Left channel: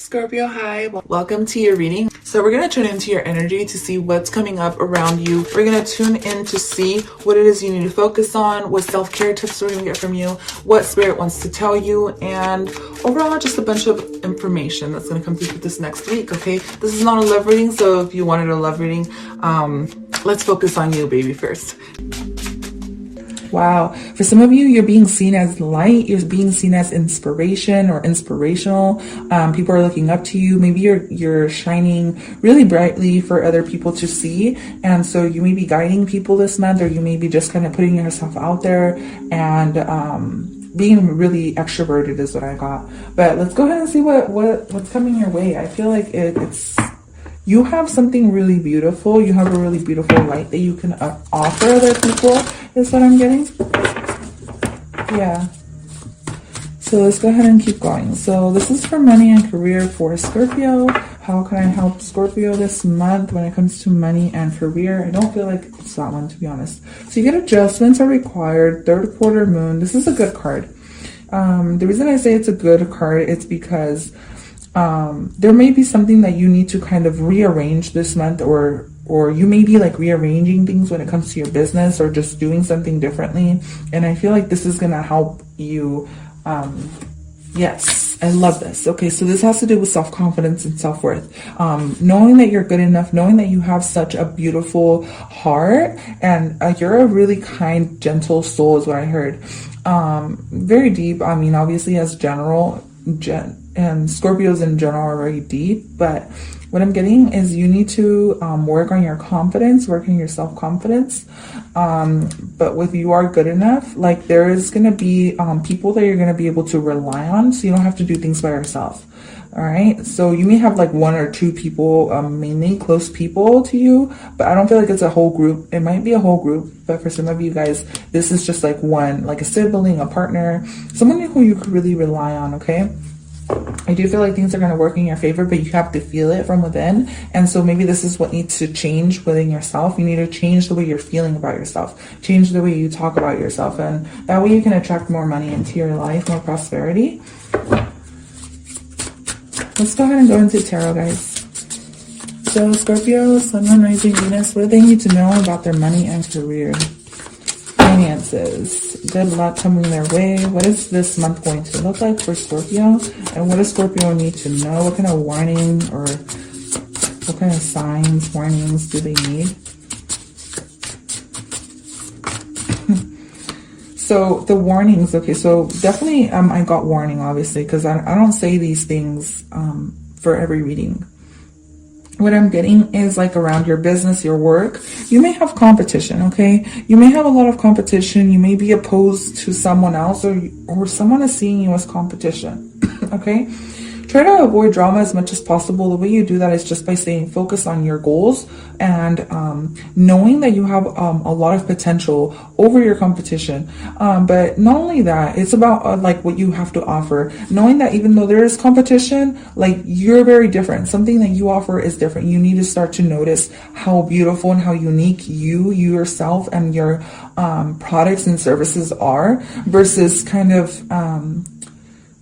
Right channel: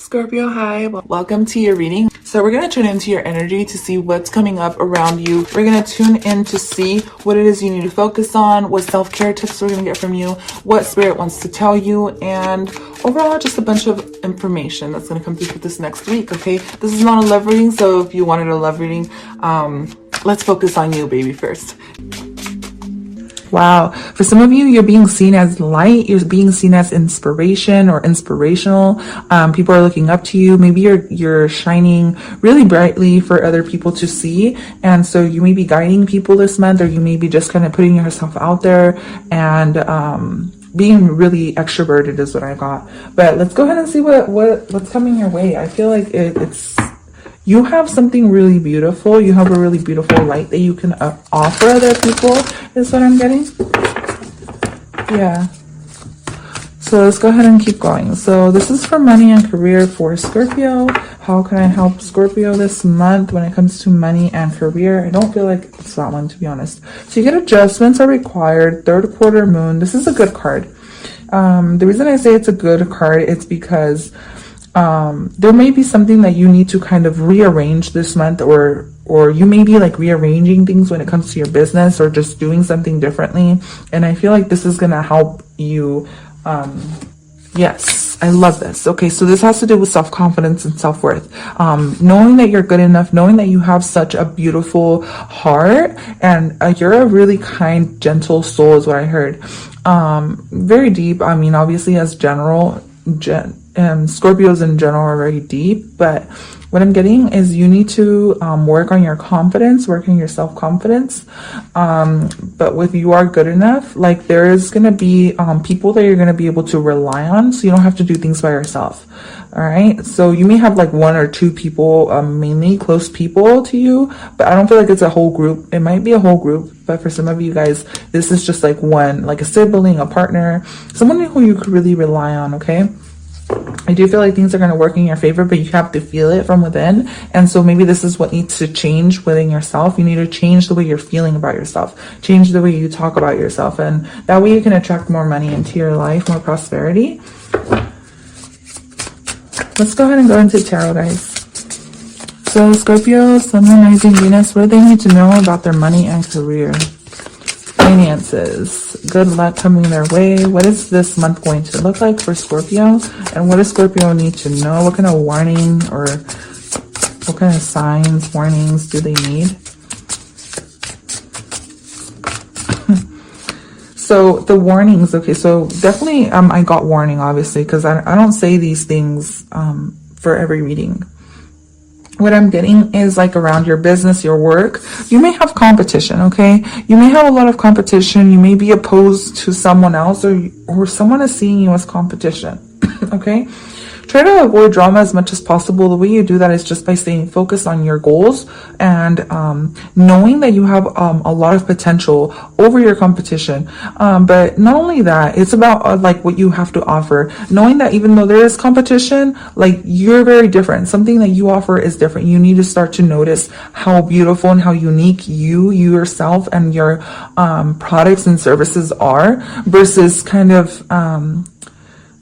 Scorpio, hi. Welcome to your reading. So we're going to tune into your energy to see what's coming up around you. We're going to tune in to see what it is you need to focus on, what self-care tips we're going to get from you, what spirit wants to tell you, and overall just a bunch of information that's going to come through for this next week, okay? This is not a love reading, so if you wanted a love reading, let's focus on you, baby, first. Wow. For some of you, you're being seen as light. You're being seen as inspiration or inspirational. People are looking up to you. Maybe you're shining really brightly for other people to see. And so you may be guiding people this month, or you may be just kind of putting yourself out there and, being really extroverted is what I got. But let's go ahead and see what's coming your way. I feel like it's you have something really beautiful. You have a really beautiful light that you can offer other people, is what I'm getting. Yeah. So let's go ahead and keep going. So this is for money and career for Scorpio. How can I help Scorpio this month when it comes to money and career? I don't feel like it's that one, to be honest. So you get adjustments are required. Third quarter moon. This is a good card. The reason I say it's a good card is because there may be something that you need to kind of rearrange this month, or you may be like rearranging things when it comes to your business, or just doing something differently. And I feel like this is going to help you. Yes, I love this. Okay, so this has to do with self-confidence and self-worth. Knowing that you're good enough, knowing that you have such a beautiful heart, and you're a really kind, gentle soul is what I heard. Very deep. I mean, obviously as and Scorpios in general are very deep, but what I'm getting is you need to work on your confidence, work on your self-confidence. But with you are good enough, like there is going to be people that you're going to be able to rely on, so you don't have to do things by yourself. All right, so you may have like one or two people, mainly close people to you, but I don't feel like it's a whole group. It might be a whole group, but for some of you guys, this is just like one, like a sibling, a partner, someone who you could really rely on. Okay, I do feel like things are going to work in your favor, but you have to feel it from within. And so maybe this is what needs to change within yourself. You need to change the way you're feeling about yourself, change the way you talk about yourself, and that way you can attract more money into your life, more prosperity. Let's go ahead and go into tarot, guys. So Scorpio, Sun, Moon, Rising, Venus, what do they need to know about their money and career? Finances, good luck coming their way. What is this month going to look like for Scorpio? And what does Scorpio need to know? What kind of warning or what kind of signs, warnings do they need? So the warnings, okay, so definitely I got warning, obviously, because I don't say these things for every reading. What I'm getting is like around your business, your work, you may have competition, okay? You may have a lot of competition. You may be opposed to someone else, or someone is seeing you as competition, okay? Try to avoid drama as much as possible. The way you do that is just by staying focused on your goals and knowing that you have a lot of potential over your competition. But not only that, it's about like what you have to offer. Knowing that even though there is competition, like you're very different. Something that you offer is different. You need to start to notice how beautiful and how unique you yourself and your products and services are, versus kind of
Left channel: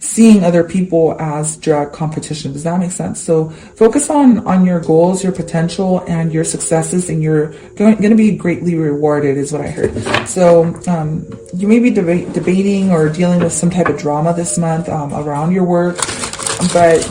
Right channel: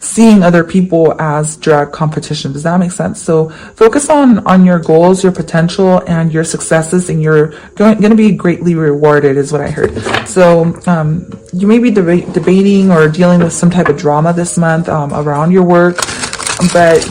seeing other people as drag competition. Does that make sense? So focus on your goals, your potential, and your successes, and you're going to be greatly rewarded is what I heard. So you may be debating or dealing with some type of drama this month around your work, but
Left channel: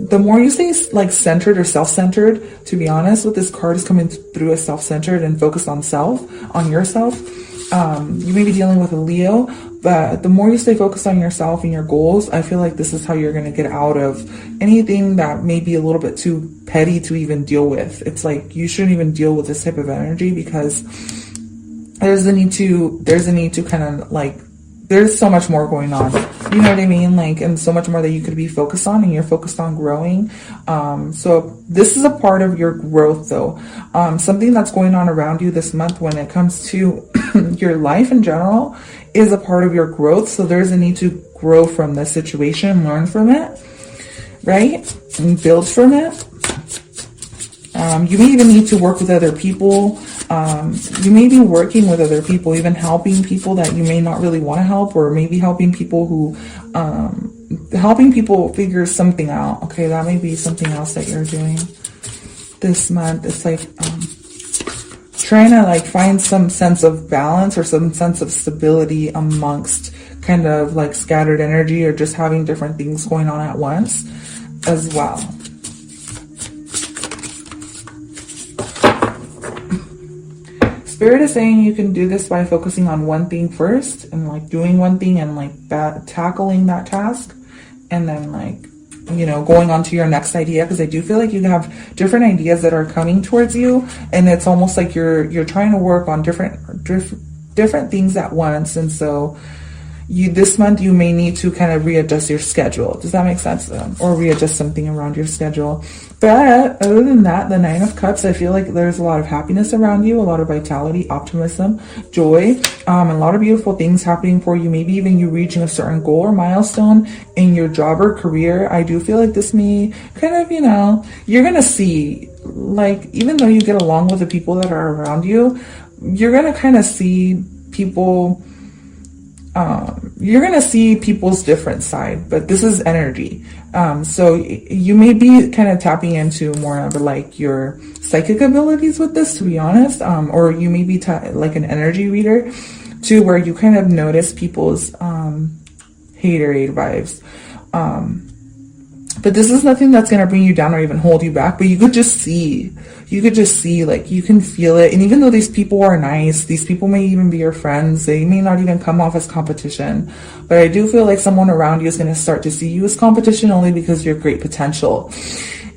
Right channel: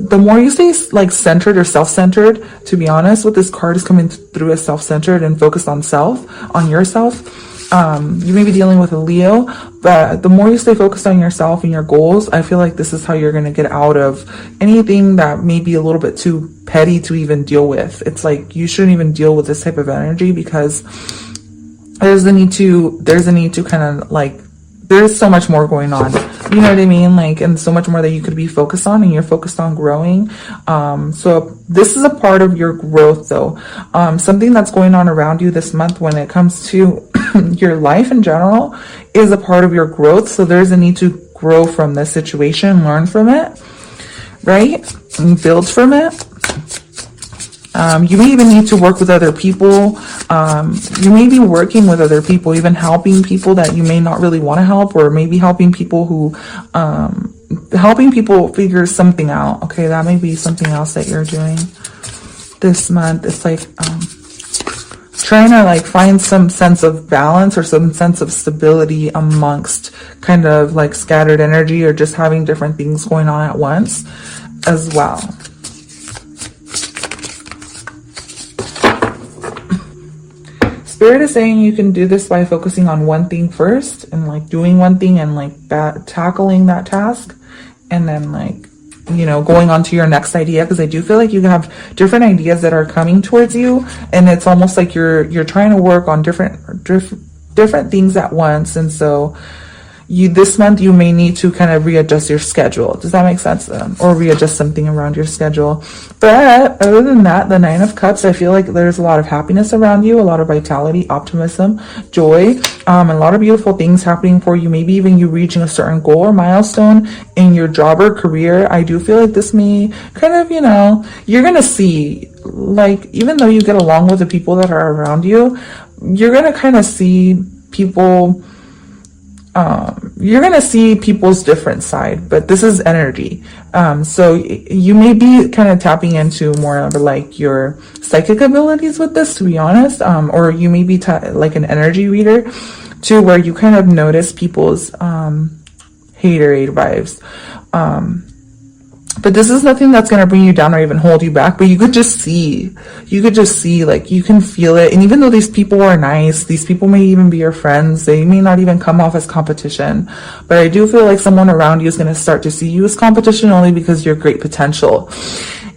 the more you stay like centered or self-centered, to be honest, what this card is coming through as self-centered and focused on yourself. You may be dealing with a Leo, but the more you stay focused on yourself and your goals, I feel like this is how you're going to get out of anything that may be a little bit too petty to even deal with. It's like you shouldn't even deal with this type of energy, because there's a need to kind of like, there's so much more going on, you know what I mean? Like, and so much more that you could be focused on, and you're focused on growing. So this is a part of your growth though. Something that's going on around you this month when it comes to your life in general is a part of your growth. So there's a need to grow from this situation, learn from it, right? And build from it. You may even need to work with other people. You may be working with other people, even helping people that you may not really want to help, or maybe helping people who helping people figure something out. Okay, that may be something else that you're doing this month. It's like trying to like find some sense of balance or some sense of stability amongst kind of like scattered energy, or just having different things going on at once as well. Spirit is saying you can do this by focusing on one thing first, and like doing one thing and like tackling that task, and then like, you know, going on to your next idea, because I do feel like you have different ideas that are coming towards you, and it's almost like you're trying to work on different things at once. And so this month you may need to kind of readjust your schedule. Does that make sense? Or readjust something around your schedule. But other than that, the Nine of Cups, I feel like there's a lot of happiness around you, a lot of vitality, optimism, joy, a lot of beautiful things happening for you. Maybe even you reaching a certain goal or milestone in your job or career. I do feel like this may kind of, you know, you're going to see, like, even though you get along with the people that are around you, you're going to kind of see people, you're going to see people's different side, but this is energy. So you may be kind of tapping into more of like your psychic abilities with this, to be honest. Or you may be like an energy reader too, where you kind of notice people's, haterade vibes. But this is nothing that's going to bring you down or even hold you back, but you could just see, like, you can feel it. And even though these people are nice, these people may even be your friends, they may not even come off as competition, but I do feel like someone around you is going to start to see you as competition only because you're great potential.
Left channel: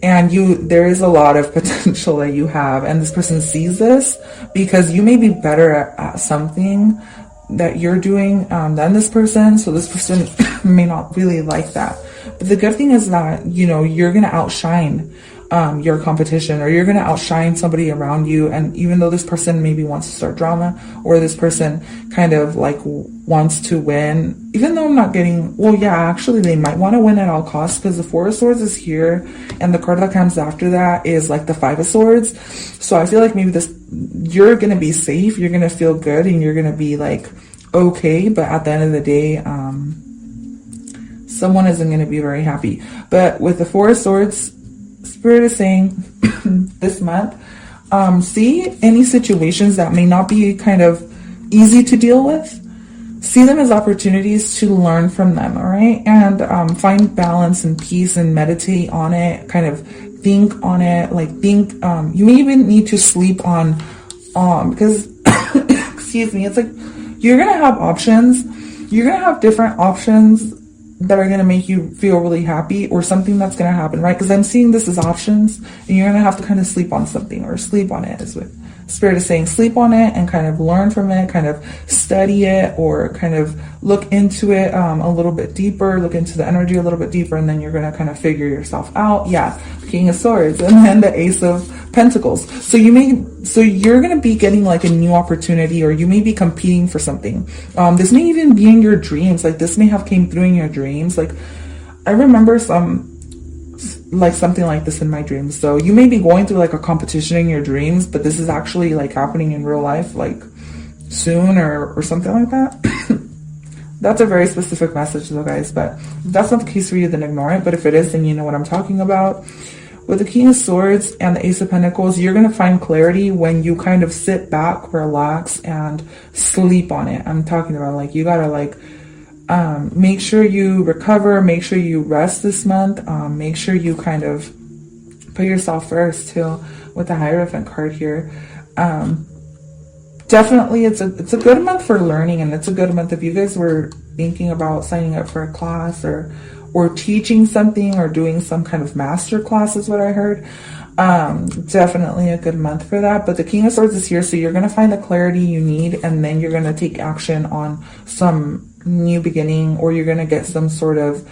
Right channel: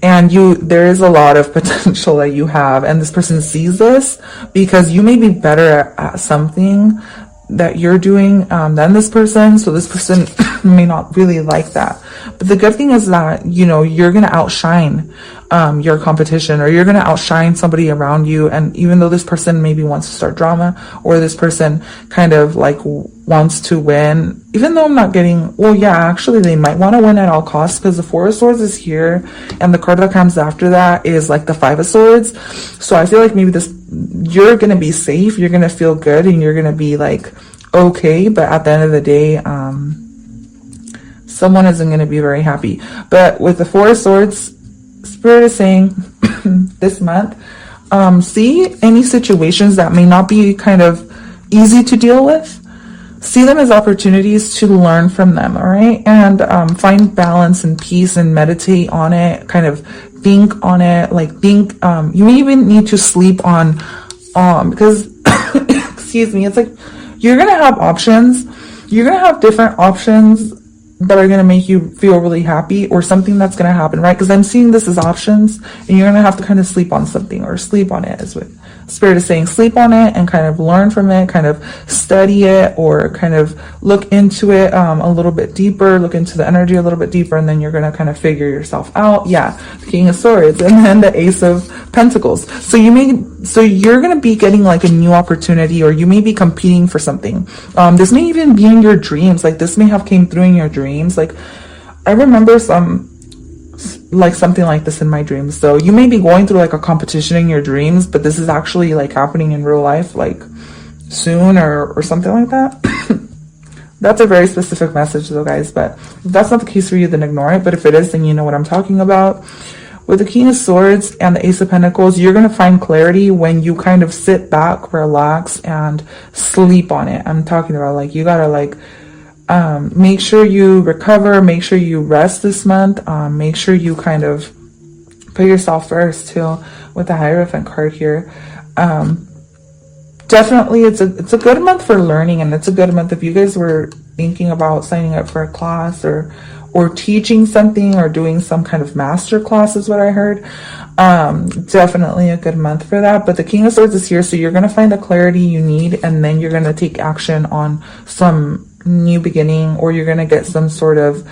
And there is a lot of potential that you have, and this person sees this because you may be better at something that you're doing than this person, so this person may not really like that. But the good thing is that, you know, you're gonna outshine your competition, or you're gonna outshine somebody around you. And even though this person maybe wants to start drama, or this person kind of like wants to win, even though I'm not getting, well, yeah, actually they might want to win at all costs, because the Four of Swords is here, and the card that comes after that is like the Five of Swords. So I feel like maybe you're gonna be safe, you're gonna feel good, and you're gonna be like okay, but at the end of the day, someone isn't going to be very happy. But with the Four of Swords, Spirit is saying this month, see any situations that may not be kind of easy to deal with, see them as opportunities to learn from them, all right? And find balance and peace and meditate on it, kind of think on it, like think, you may even need to sleep on, because, excuse me, it's like, you're going to have options. You're going to have different options that are going to make you feel really happy, or something that's going to happen, right? Because I'm seeing this as options, and you're going to have to kind of sleep on something, or sleep on it, is what Spirit is saying. Sleep on it and kind of learn from it, kind of study it, or kind of look into it a little bit deeper, look into the energy a little bit deeper, and then you're going to kind of figure yourself out. Yeah, the King of Swords, and then the Ace of Pentacles. So you're going to be getting like a new opportunity, or you may be competing for something. This may even be in your dreams. Like this may have came through in your dreams. Like I remember something like this in my dreams. So you may be going through like a competition in your dreams, but this is actually like happening in real life, like soon, or something like that. That's a very specific message though, guys, but if that's not the case for you, then ignore it. But if it is, then you know what I'm talking about. With the King of Swords and the Ace of Pentacles, you're going to find clarity when you kind of sit back, relax, and sleep on it. I'm talking about like, you got to like, make sure you recover, make sure you rest this month, make sure you kind of put yourself first too, with the Hierophant card here. Definitely it's a good month for learning, and it's a good month if you guys were thinking about signing up for a class, or teaching something, or doing some kind of master class is what I heard. Definitely a good month for that. But the King of Swords is here, so you're going to find the clarity you need, and then you're going to take action on some new beginning, or you're going to get some sort of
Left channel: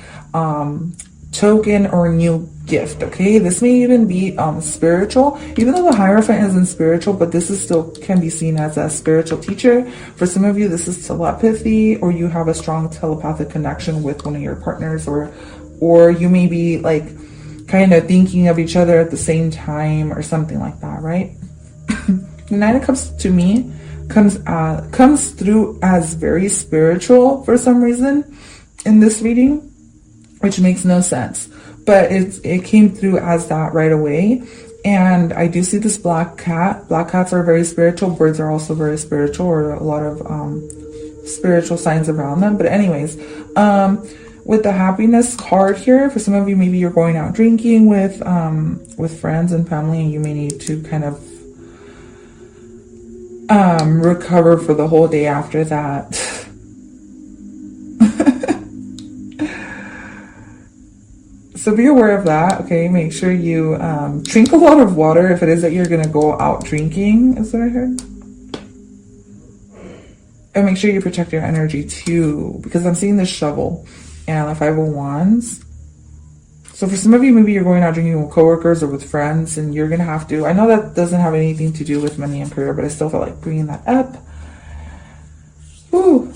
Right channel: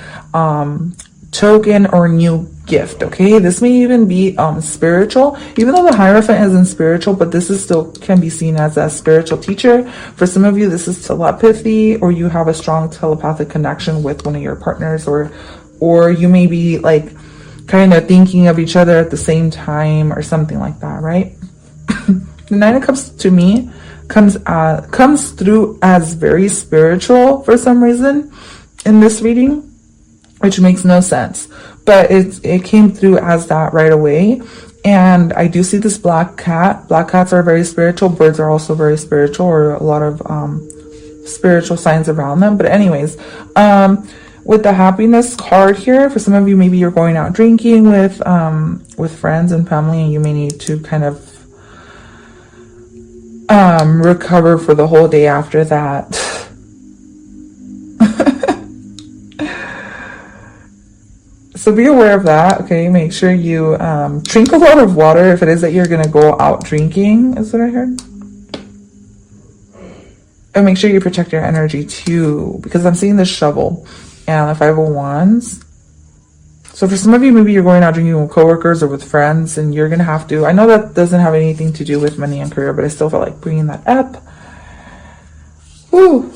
token or new gift. Okay, this may even be spiritual, even though the Hierophant isn't spiritual, but this is still can be seen as a spiritual teacher. For some of you, this is telepathy, or you have a strong telepathic connection with one of your partners, or you may be like kind of thinking of each other at the same time, or something like that, right? The Nine of Cups to me comes through as very spiritual for some reason in this reading. which makes no sense, but it came through as that right away. And I do see this black cat. Black cats are very spiritual. Birds are also very spiritual, or a lot of spiritual signs around them. But anyways, with the happiness card here, for some of you, maybe you're going out drinking with friends and family, and you may need to kind of recover for the whole day after that. So be aware of that, okay? Make sure you drink a lot of water if it is that you're going to go out drinking, is what I heard. And make sure you protect your energy too, because I'm seeing the shovel and the 5 of Wands. So for some of you, maybe you're going out drinking with coworkers or with friends, and you're going to have to, I know that doesn't have anything to do with money and career, but I still feel like bringing that up. Woo.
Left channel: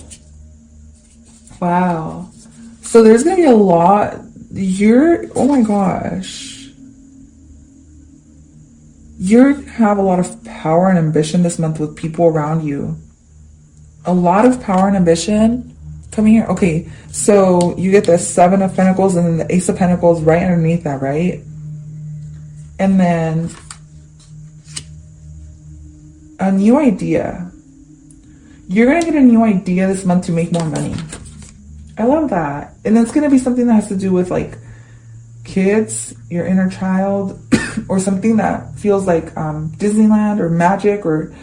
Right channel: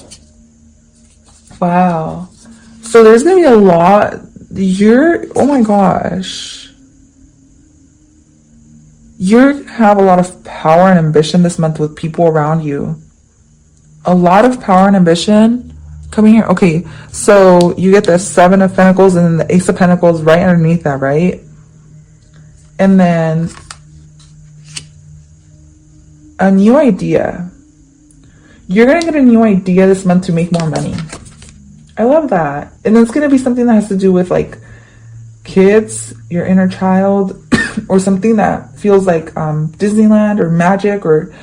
Wow. So there's going to be a lot. Oh my gosh. You have a lot of power and ambition this month with people around you. A lot of power and ambition coming here. Okay, so you get the 7 of Pentacles and then the Ace of Pentacles right underneath that, right? And then a new idea. You're going to get a new idea this month to make more money. I love that. And it's going to be something that has to do with like kids, your inner child, or something that feels like Disneyland or magic, or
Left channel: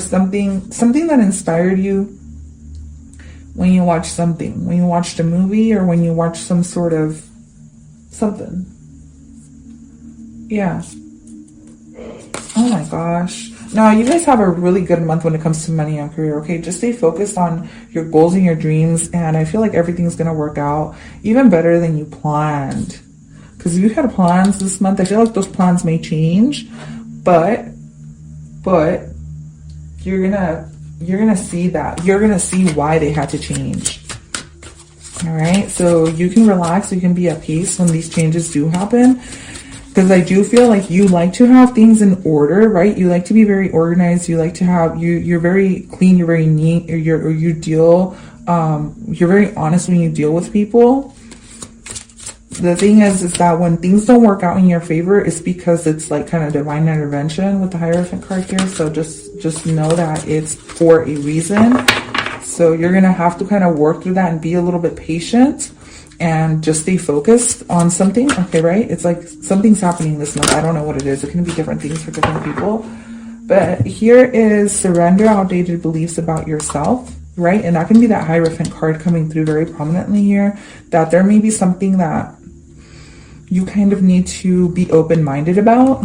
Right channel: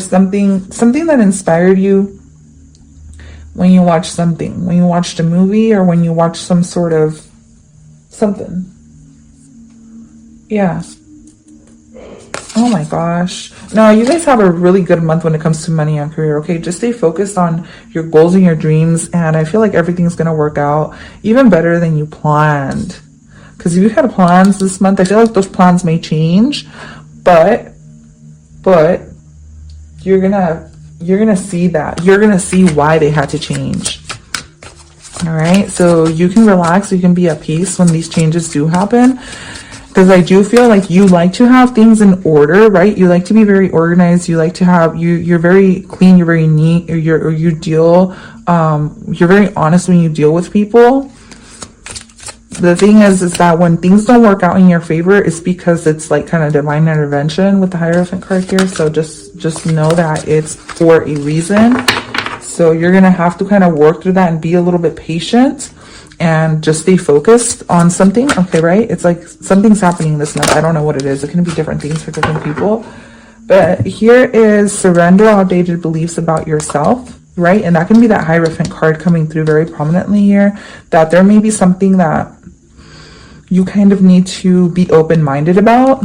something that inspired you when you watch something, when you watched a movie, or when you watch some sort of something. Yeah. Oh my gosh. Now, you guys have a really good month when it comes to money and career, okay? Just stay focused on your goals and your dreams, and I feel like everything's going to work out even better than you planned. Because if you had plans this month, I feel like those plans may change, but you're gonna see that. You're gonna see why they had to change. All right, so you can relax, you can be at peace when these changes do happen. Because I do feel like you like to have things in order, right? You like to be very organized. You like to have, you're very clean, you're very neat, you're very honest when you deal with people. The thing is that when things don't work out in your favor, it's because it's like kind of divine intervention with the Hierophant card here. So just know that it's for a reason. So you're going to have to kind of work through that and be a little bit patient. And just stay focused on something, okay, right? It's like something's happening this month. I don't know what it is. It can be different things for different people. But here is surrender outdated beliefs about yourself, right? And that can be that Hierophant card coming through very prominently here. That there may be something that you kind of need to be open-minded about.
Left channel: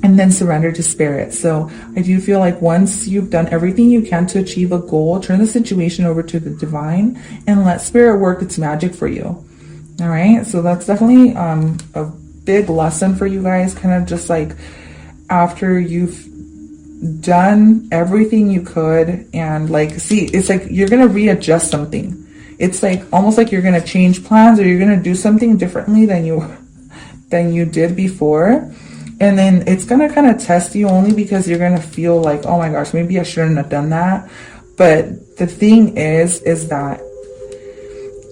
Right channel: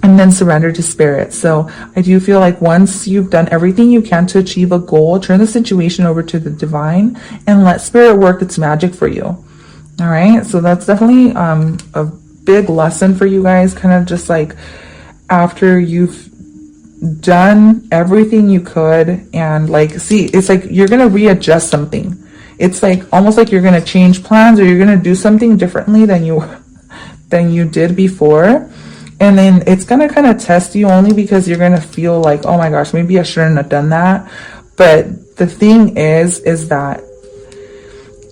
And then surrender to spirit. So I do feel like once you've done everything you can to achieve a goal, turn the situation over to the divine and let spirit work its magic for you. All right. So that's definitely a big lesson for you guys. Kind of just like after you've done everything you could, and like, see, it's like you're going to readjust something. It's like almost like you're going to change plans, or you're going to do something differently than you did before. And then it's going to kind of test you, only because you're going to feel like, oh my gosh, maybe I shouldn't have done that. But the thing is that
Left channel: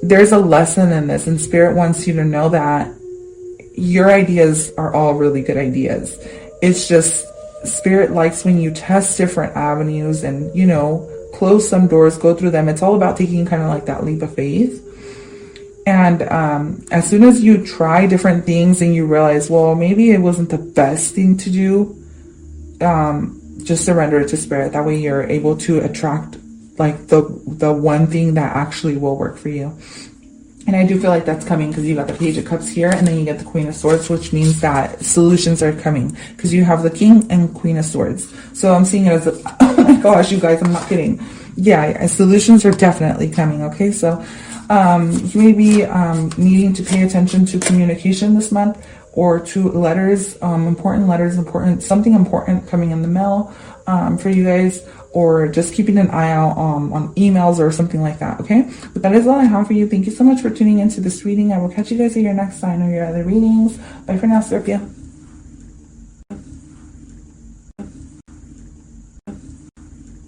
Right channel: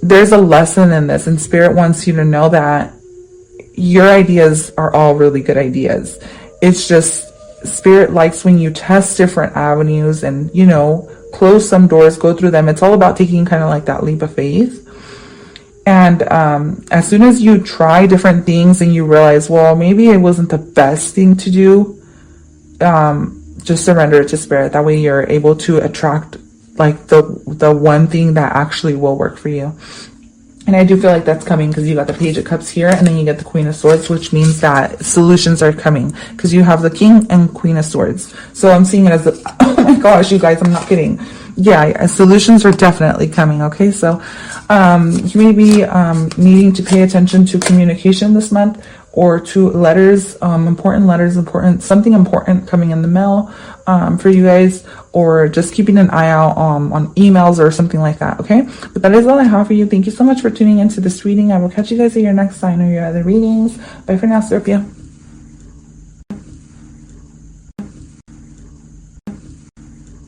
there's a lesson in this, and spirit wants you to know that your ideas are all really good ideas. It's just spirit likes when you test different avenues and, you know, close some doors, go through them. It's all about taking kind of like that leap of faith. And as soon as you try different things and you realize, well, maybe it wasn't the best thing to do, just surrender it to spirit. That way you're able to attract like the one thing that actually will work for you. And I do feel like that's coming, because you got the Page of Cups here, and then you get the Queen of Swords, which means that solutions are coming, because you have the King and Queen of Swords. So I'm seeing it as oh my gosh, you guys, I'm not kidding. Yeah, solutions are definitely coming. Okay, so you may be needing to pay attention to communication this month, or to letters, something important coming in the mail for you guys, or just keeping an eye out on emails or something like that. Okay, but that is all I have for you. Thank you so much for tuning into this reading. I will catch you guys at your next sign or your other readings. Bye for now, Scorpio.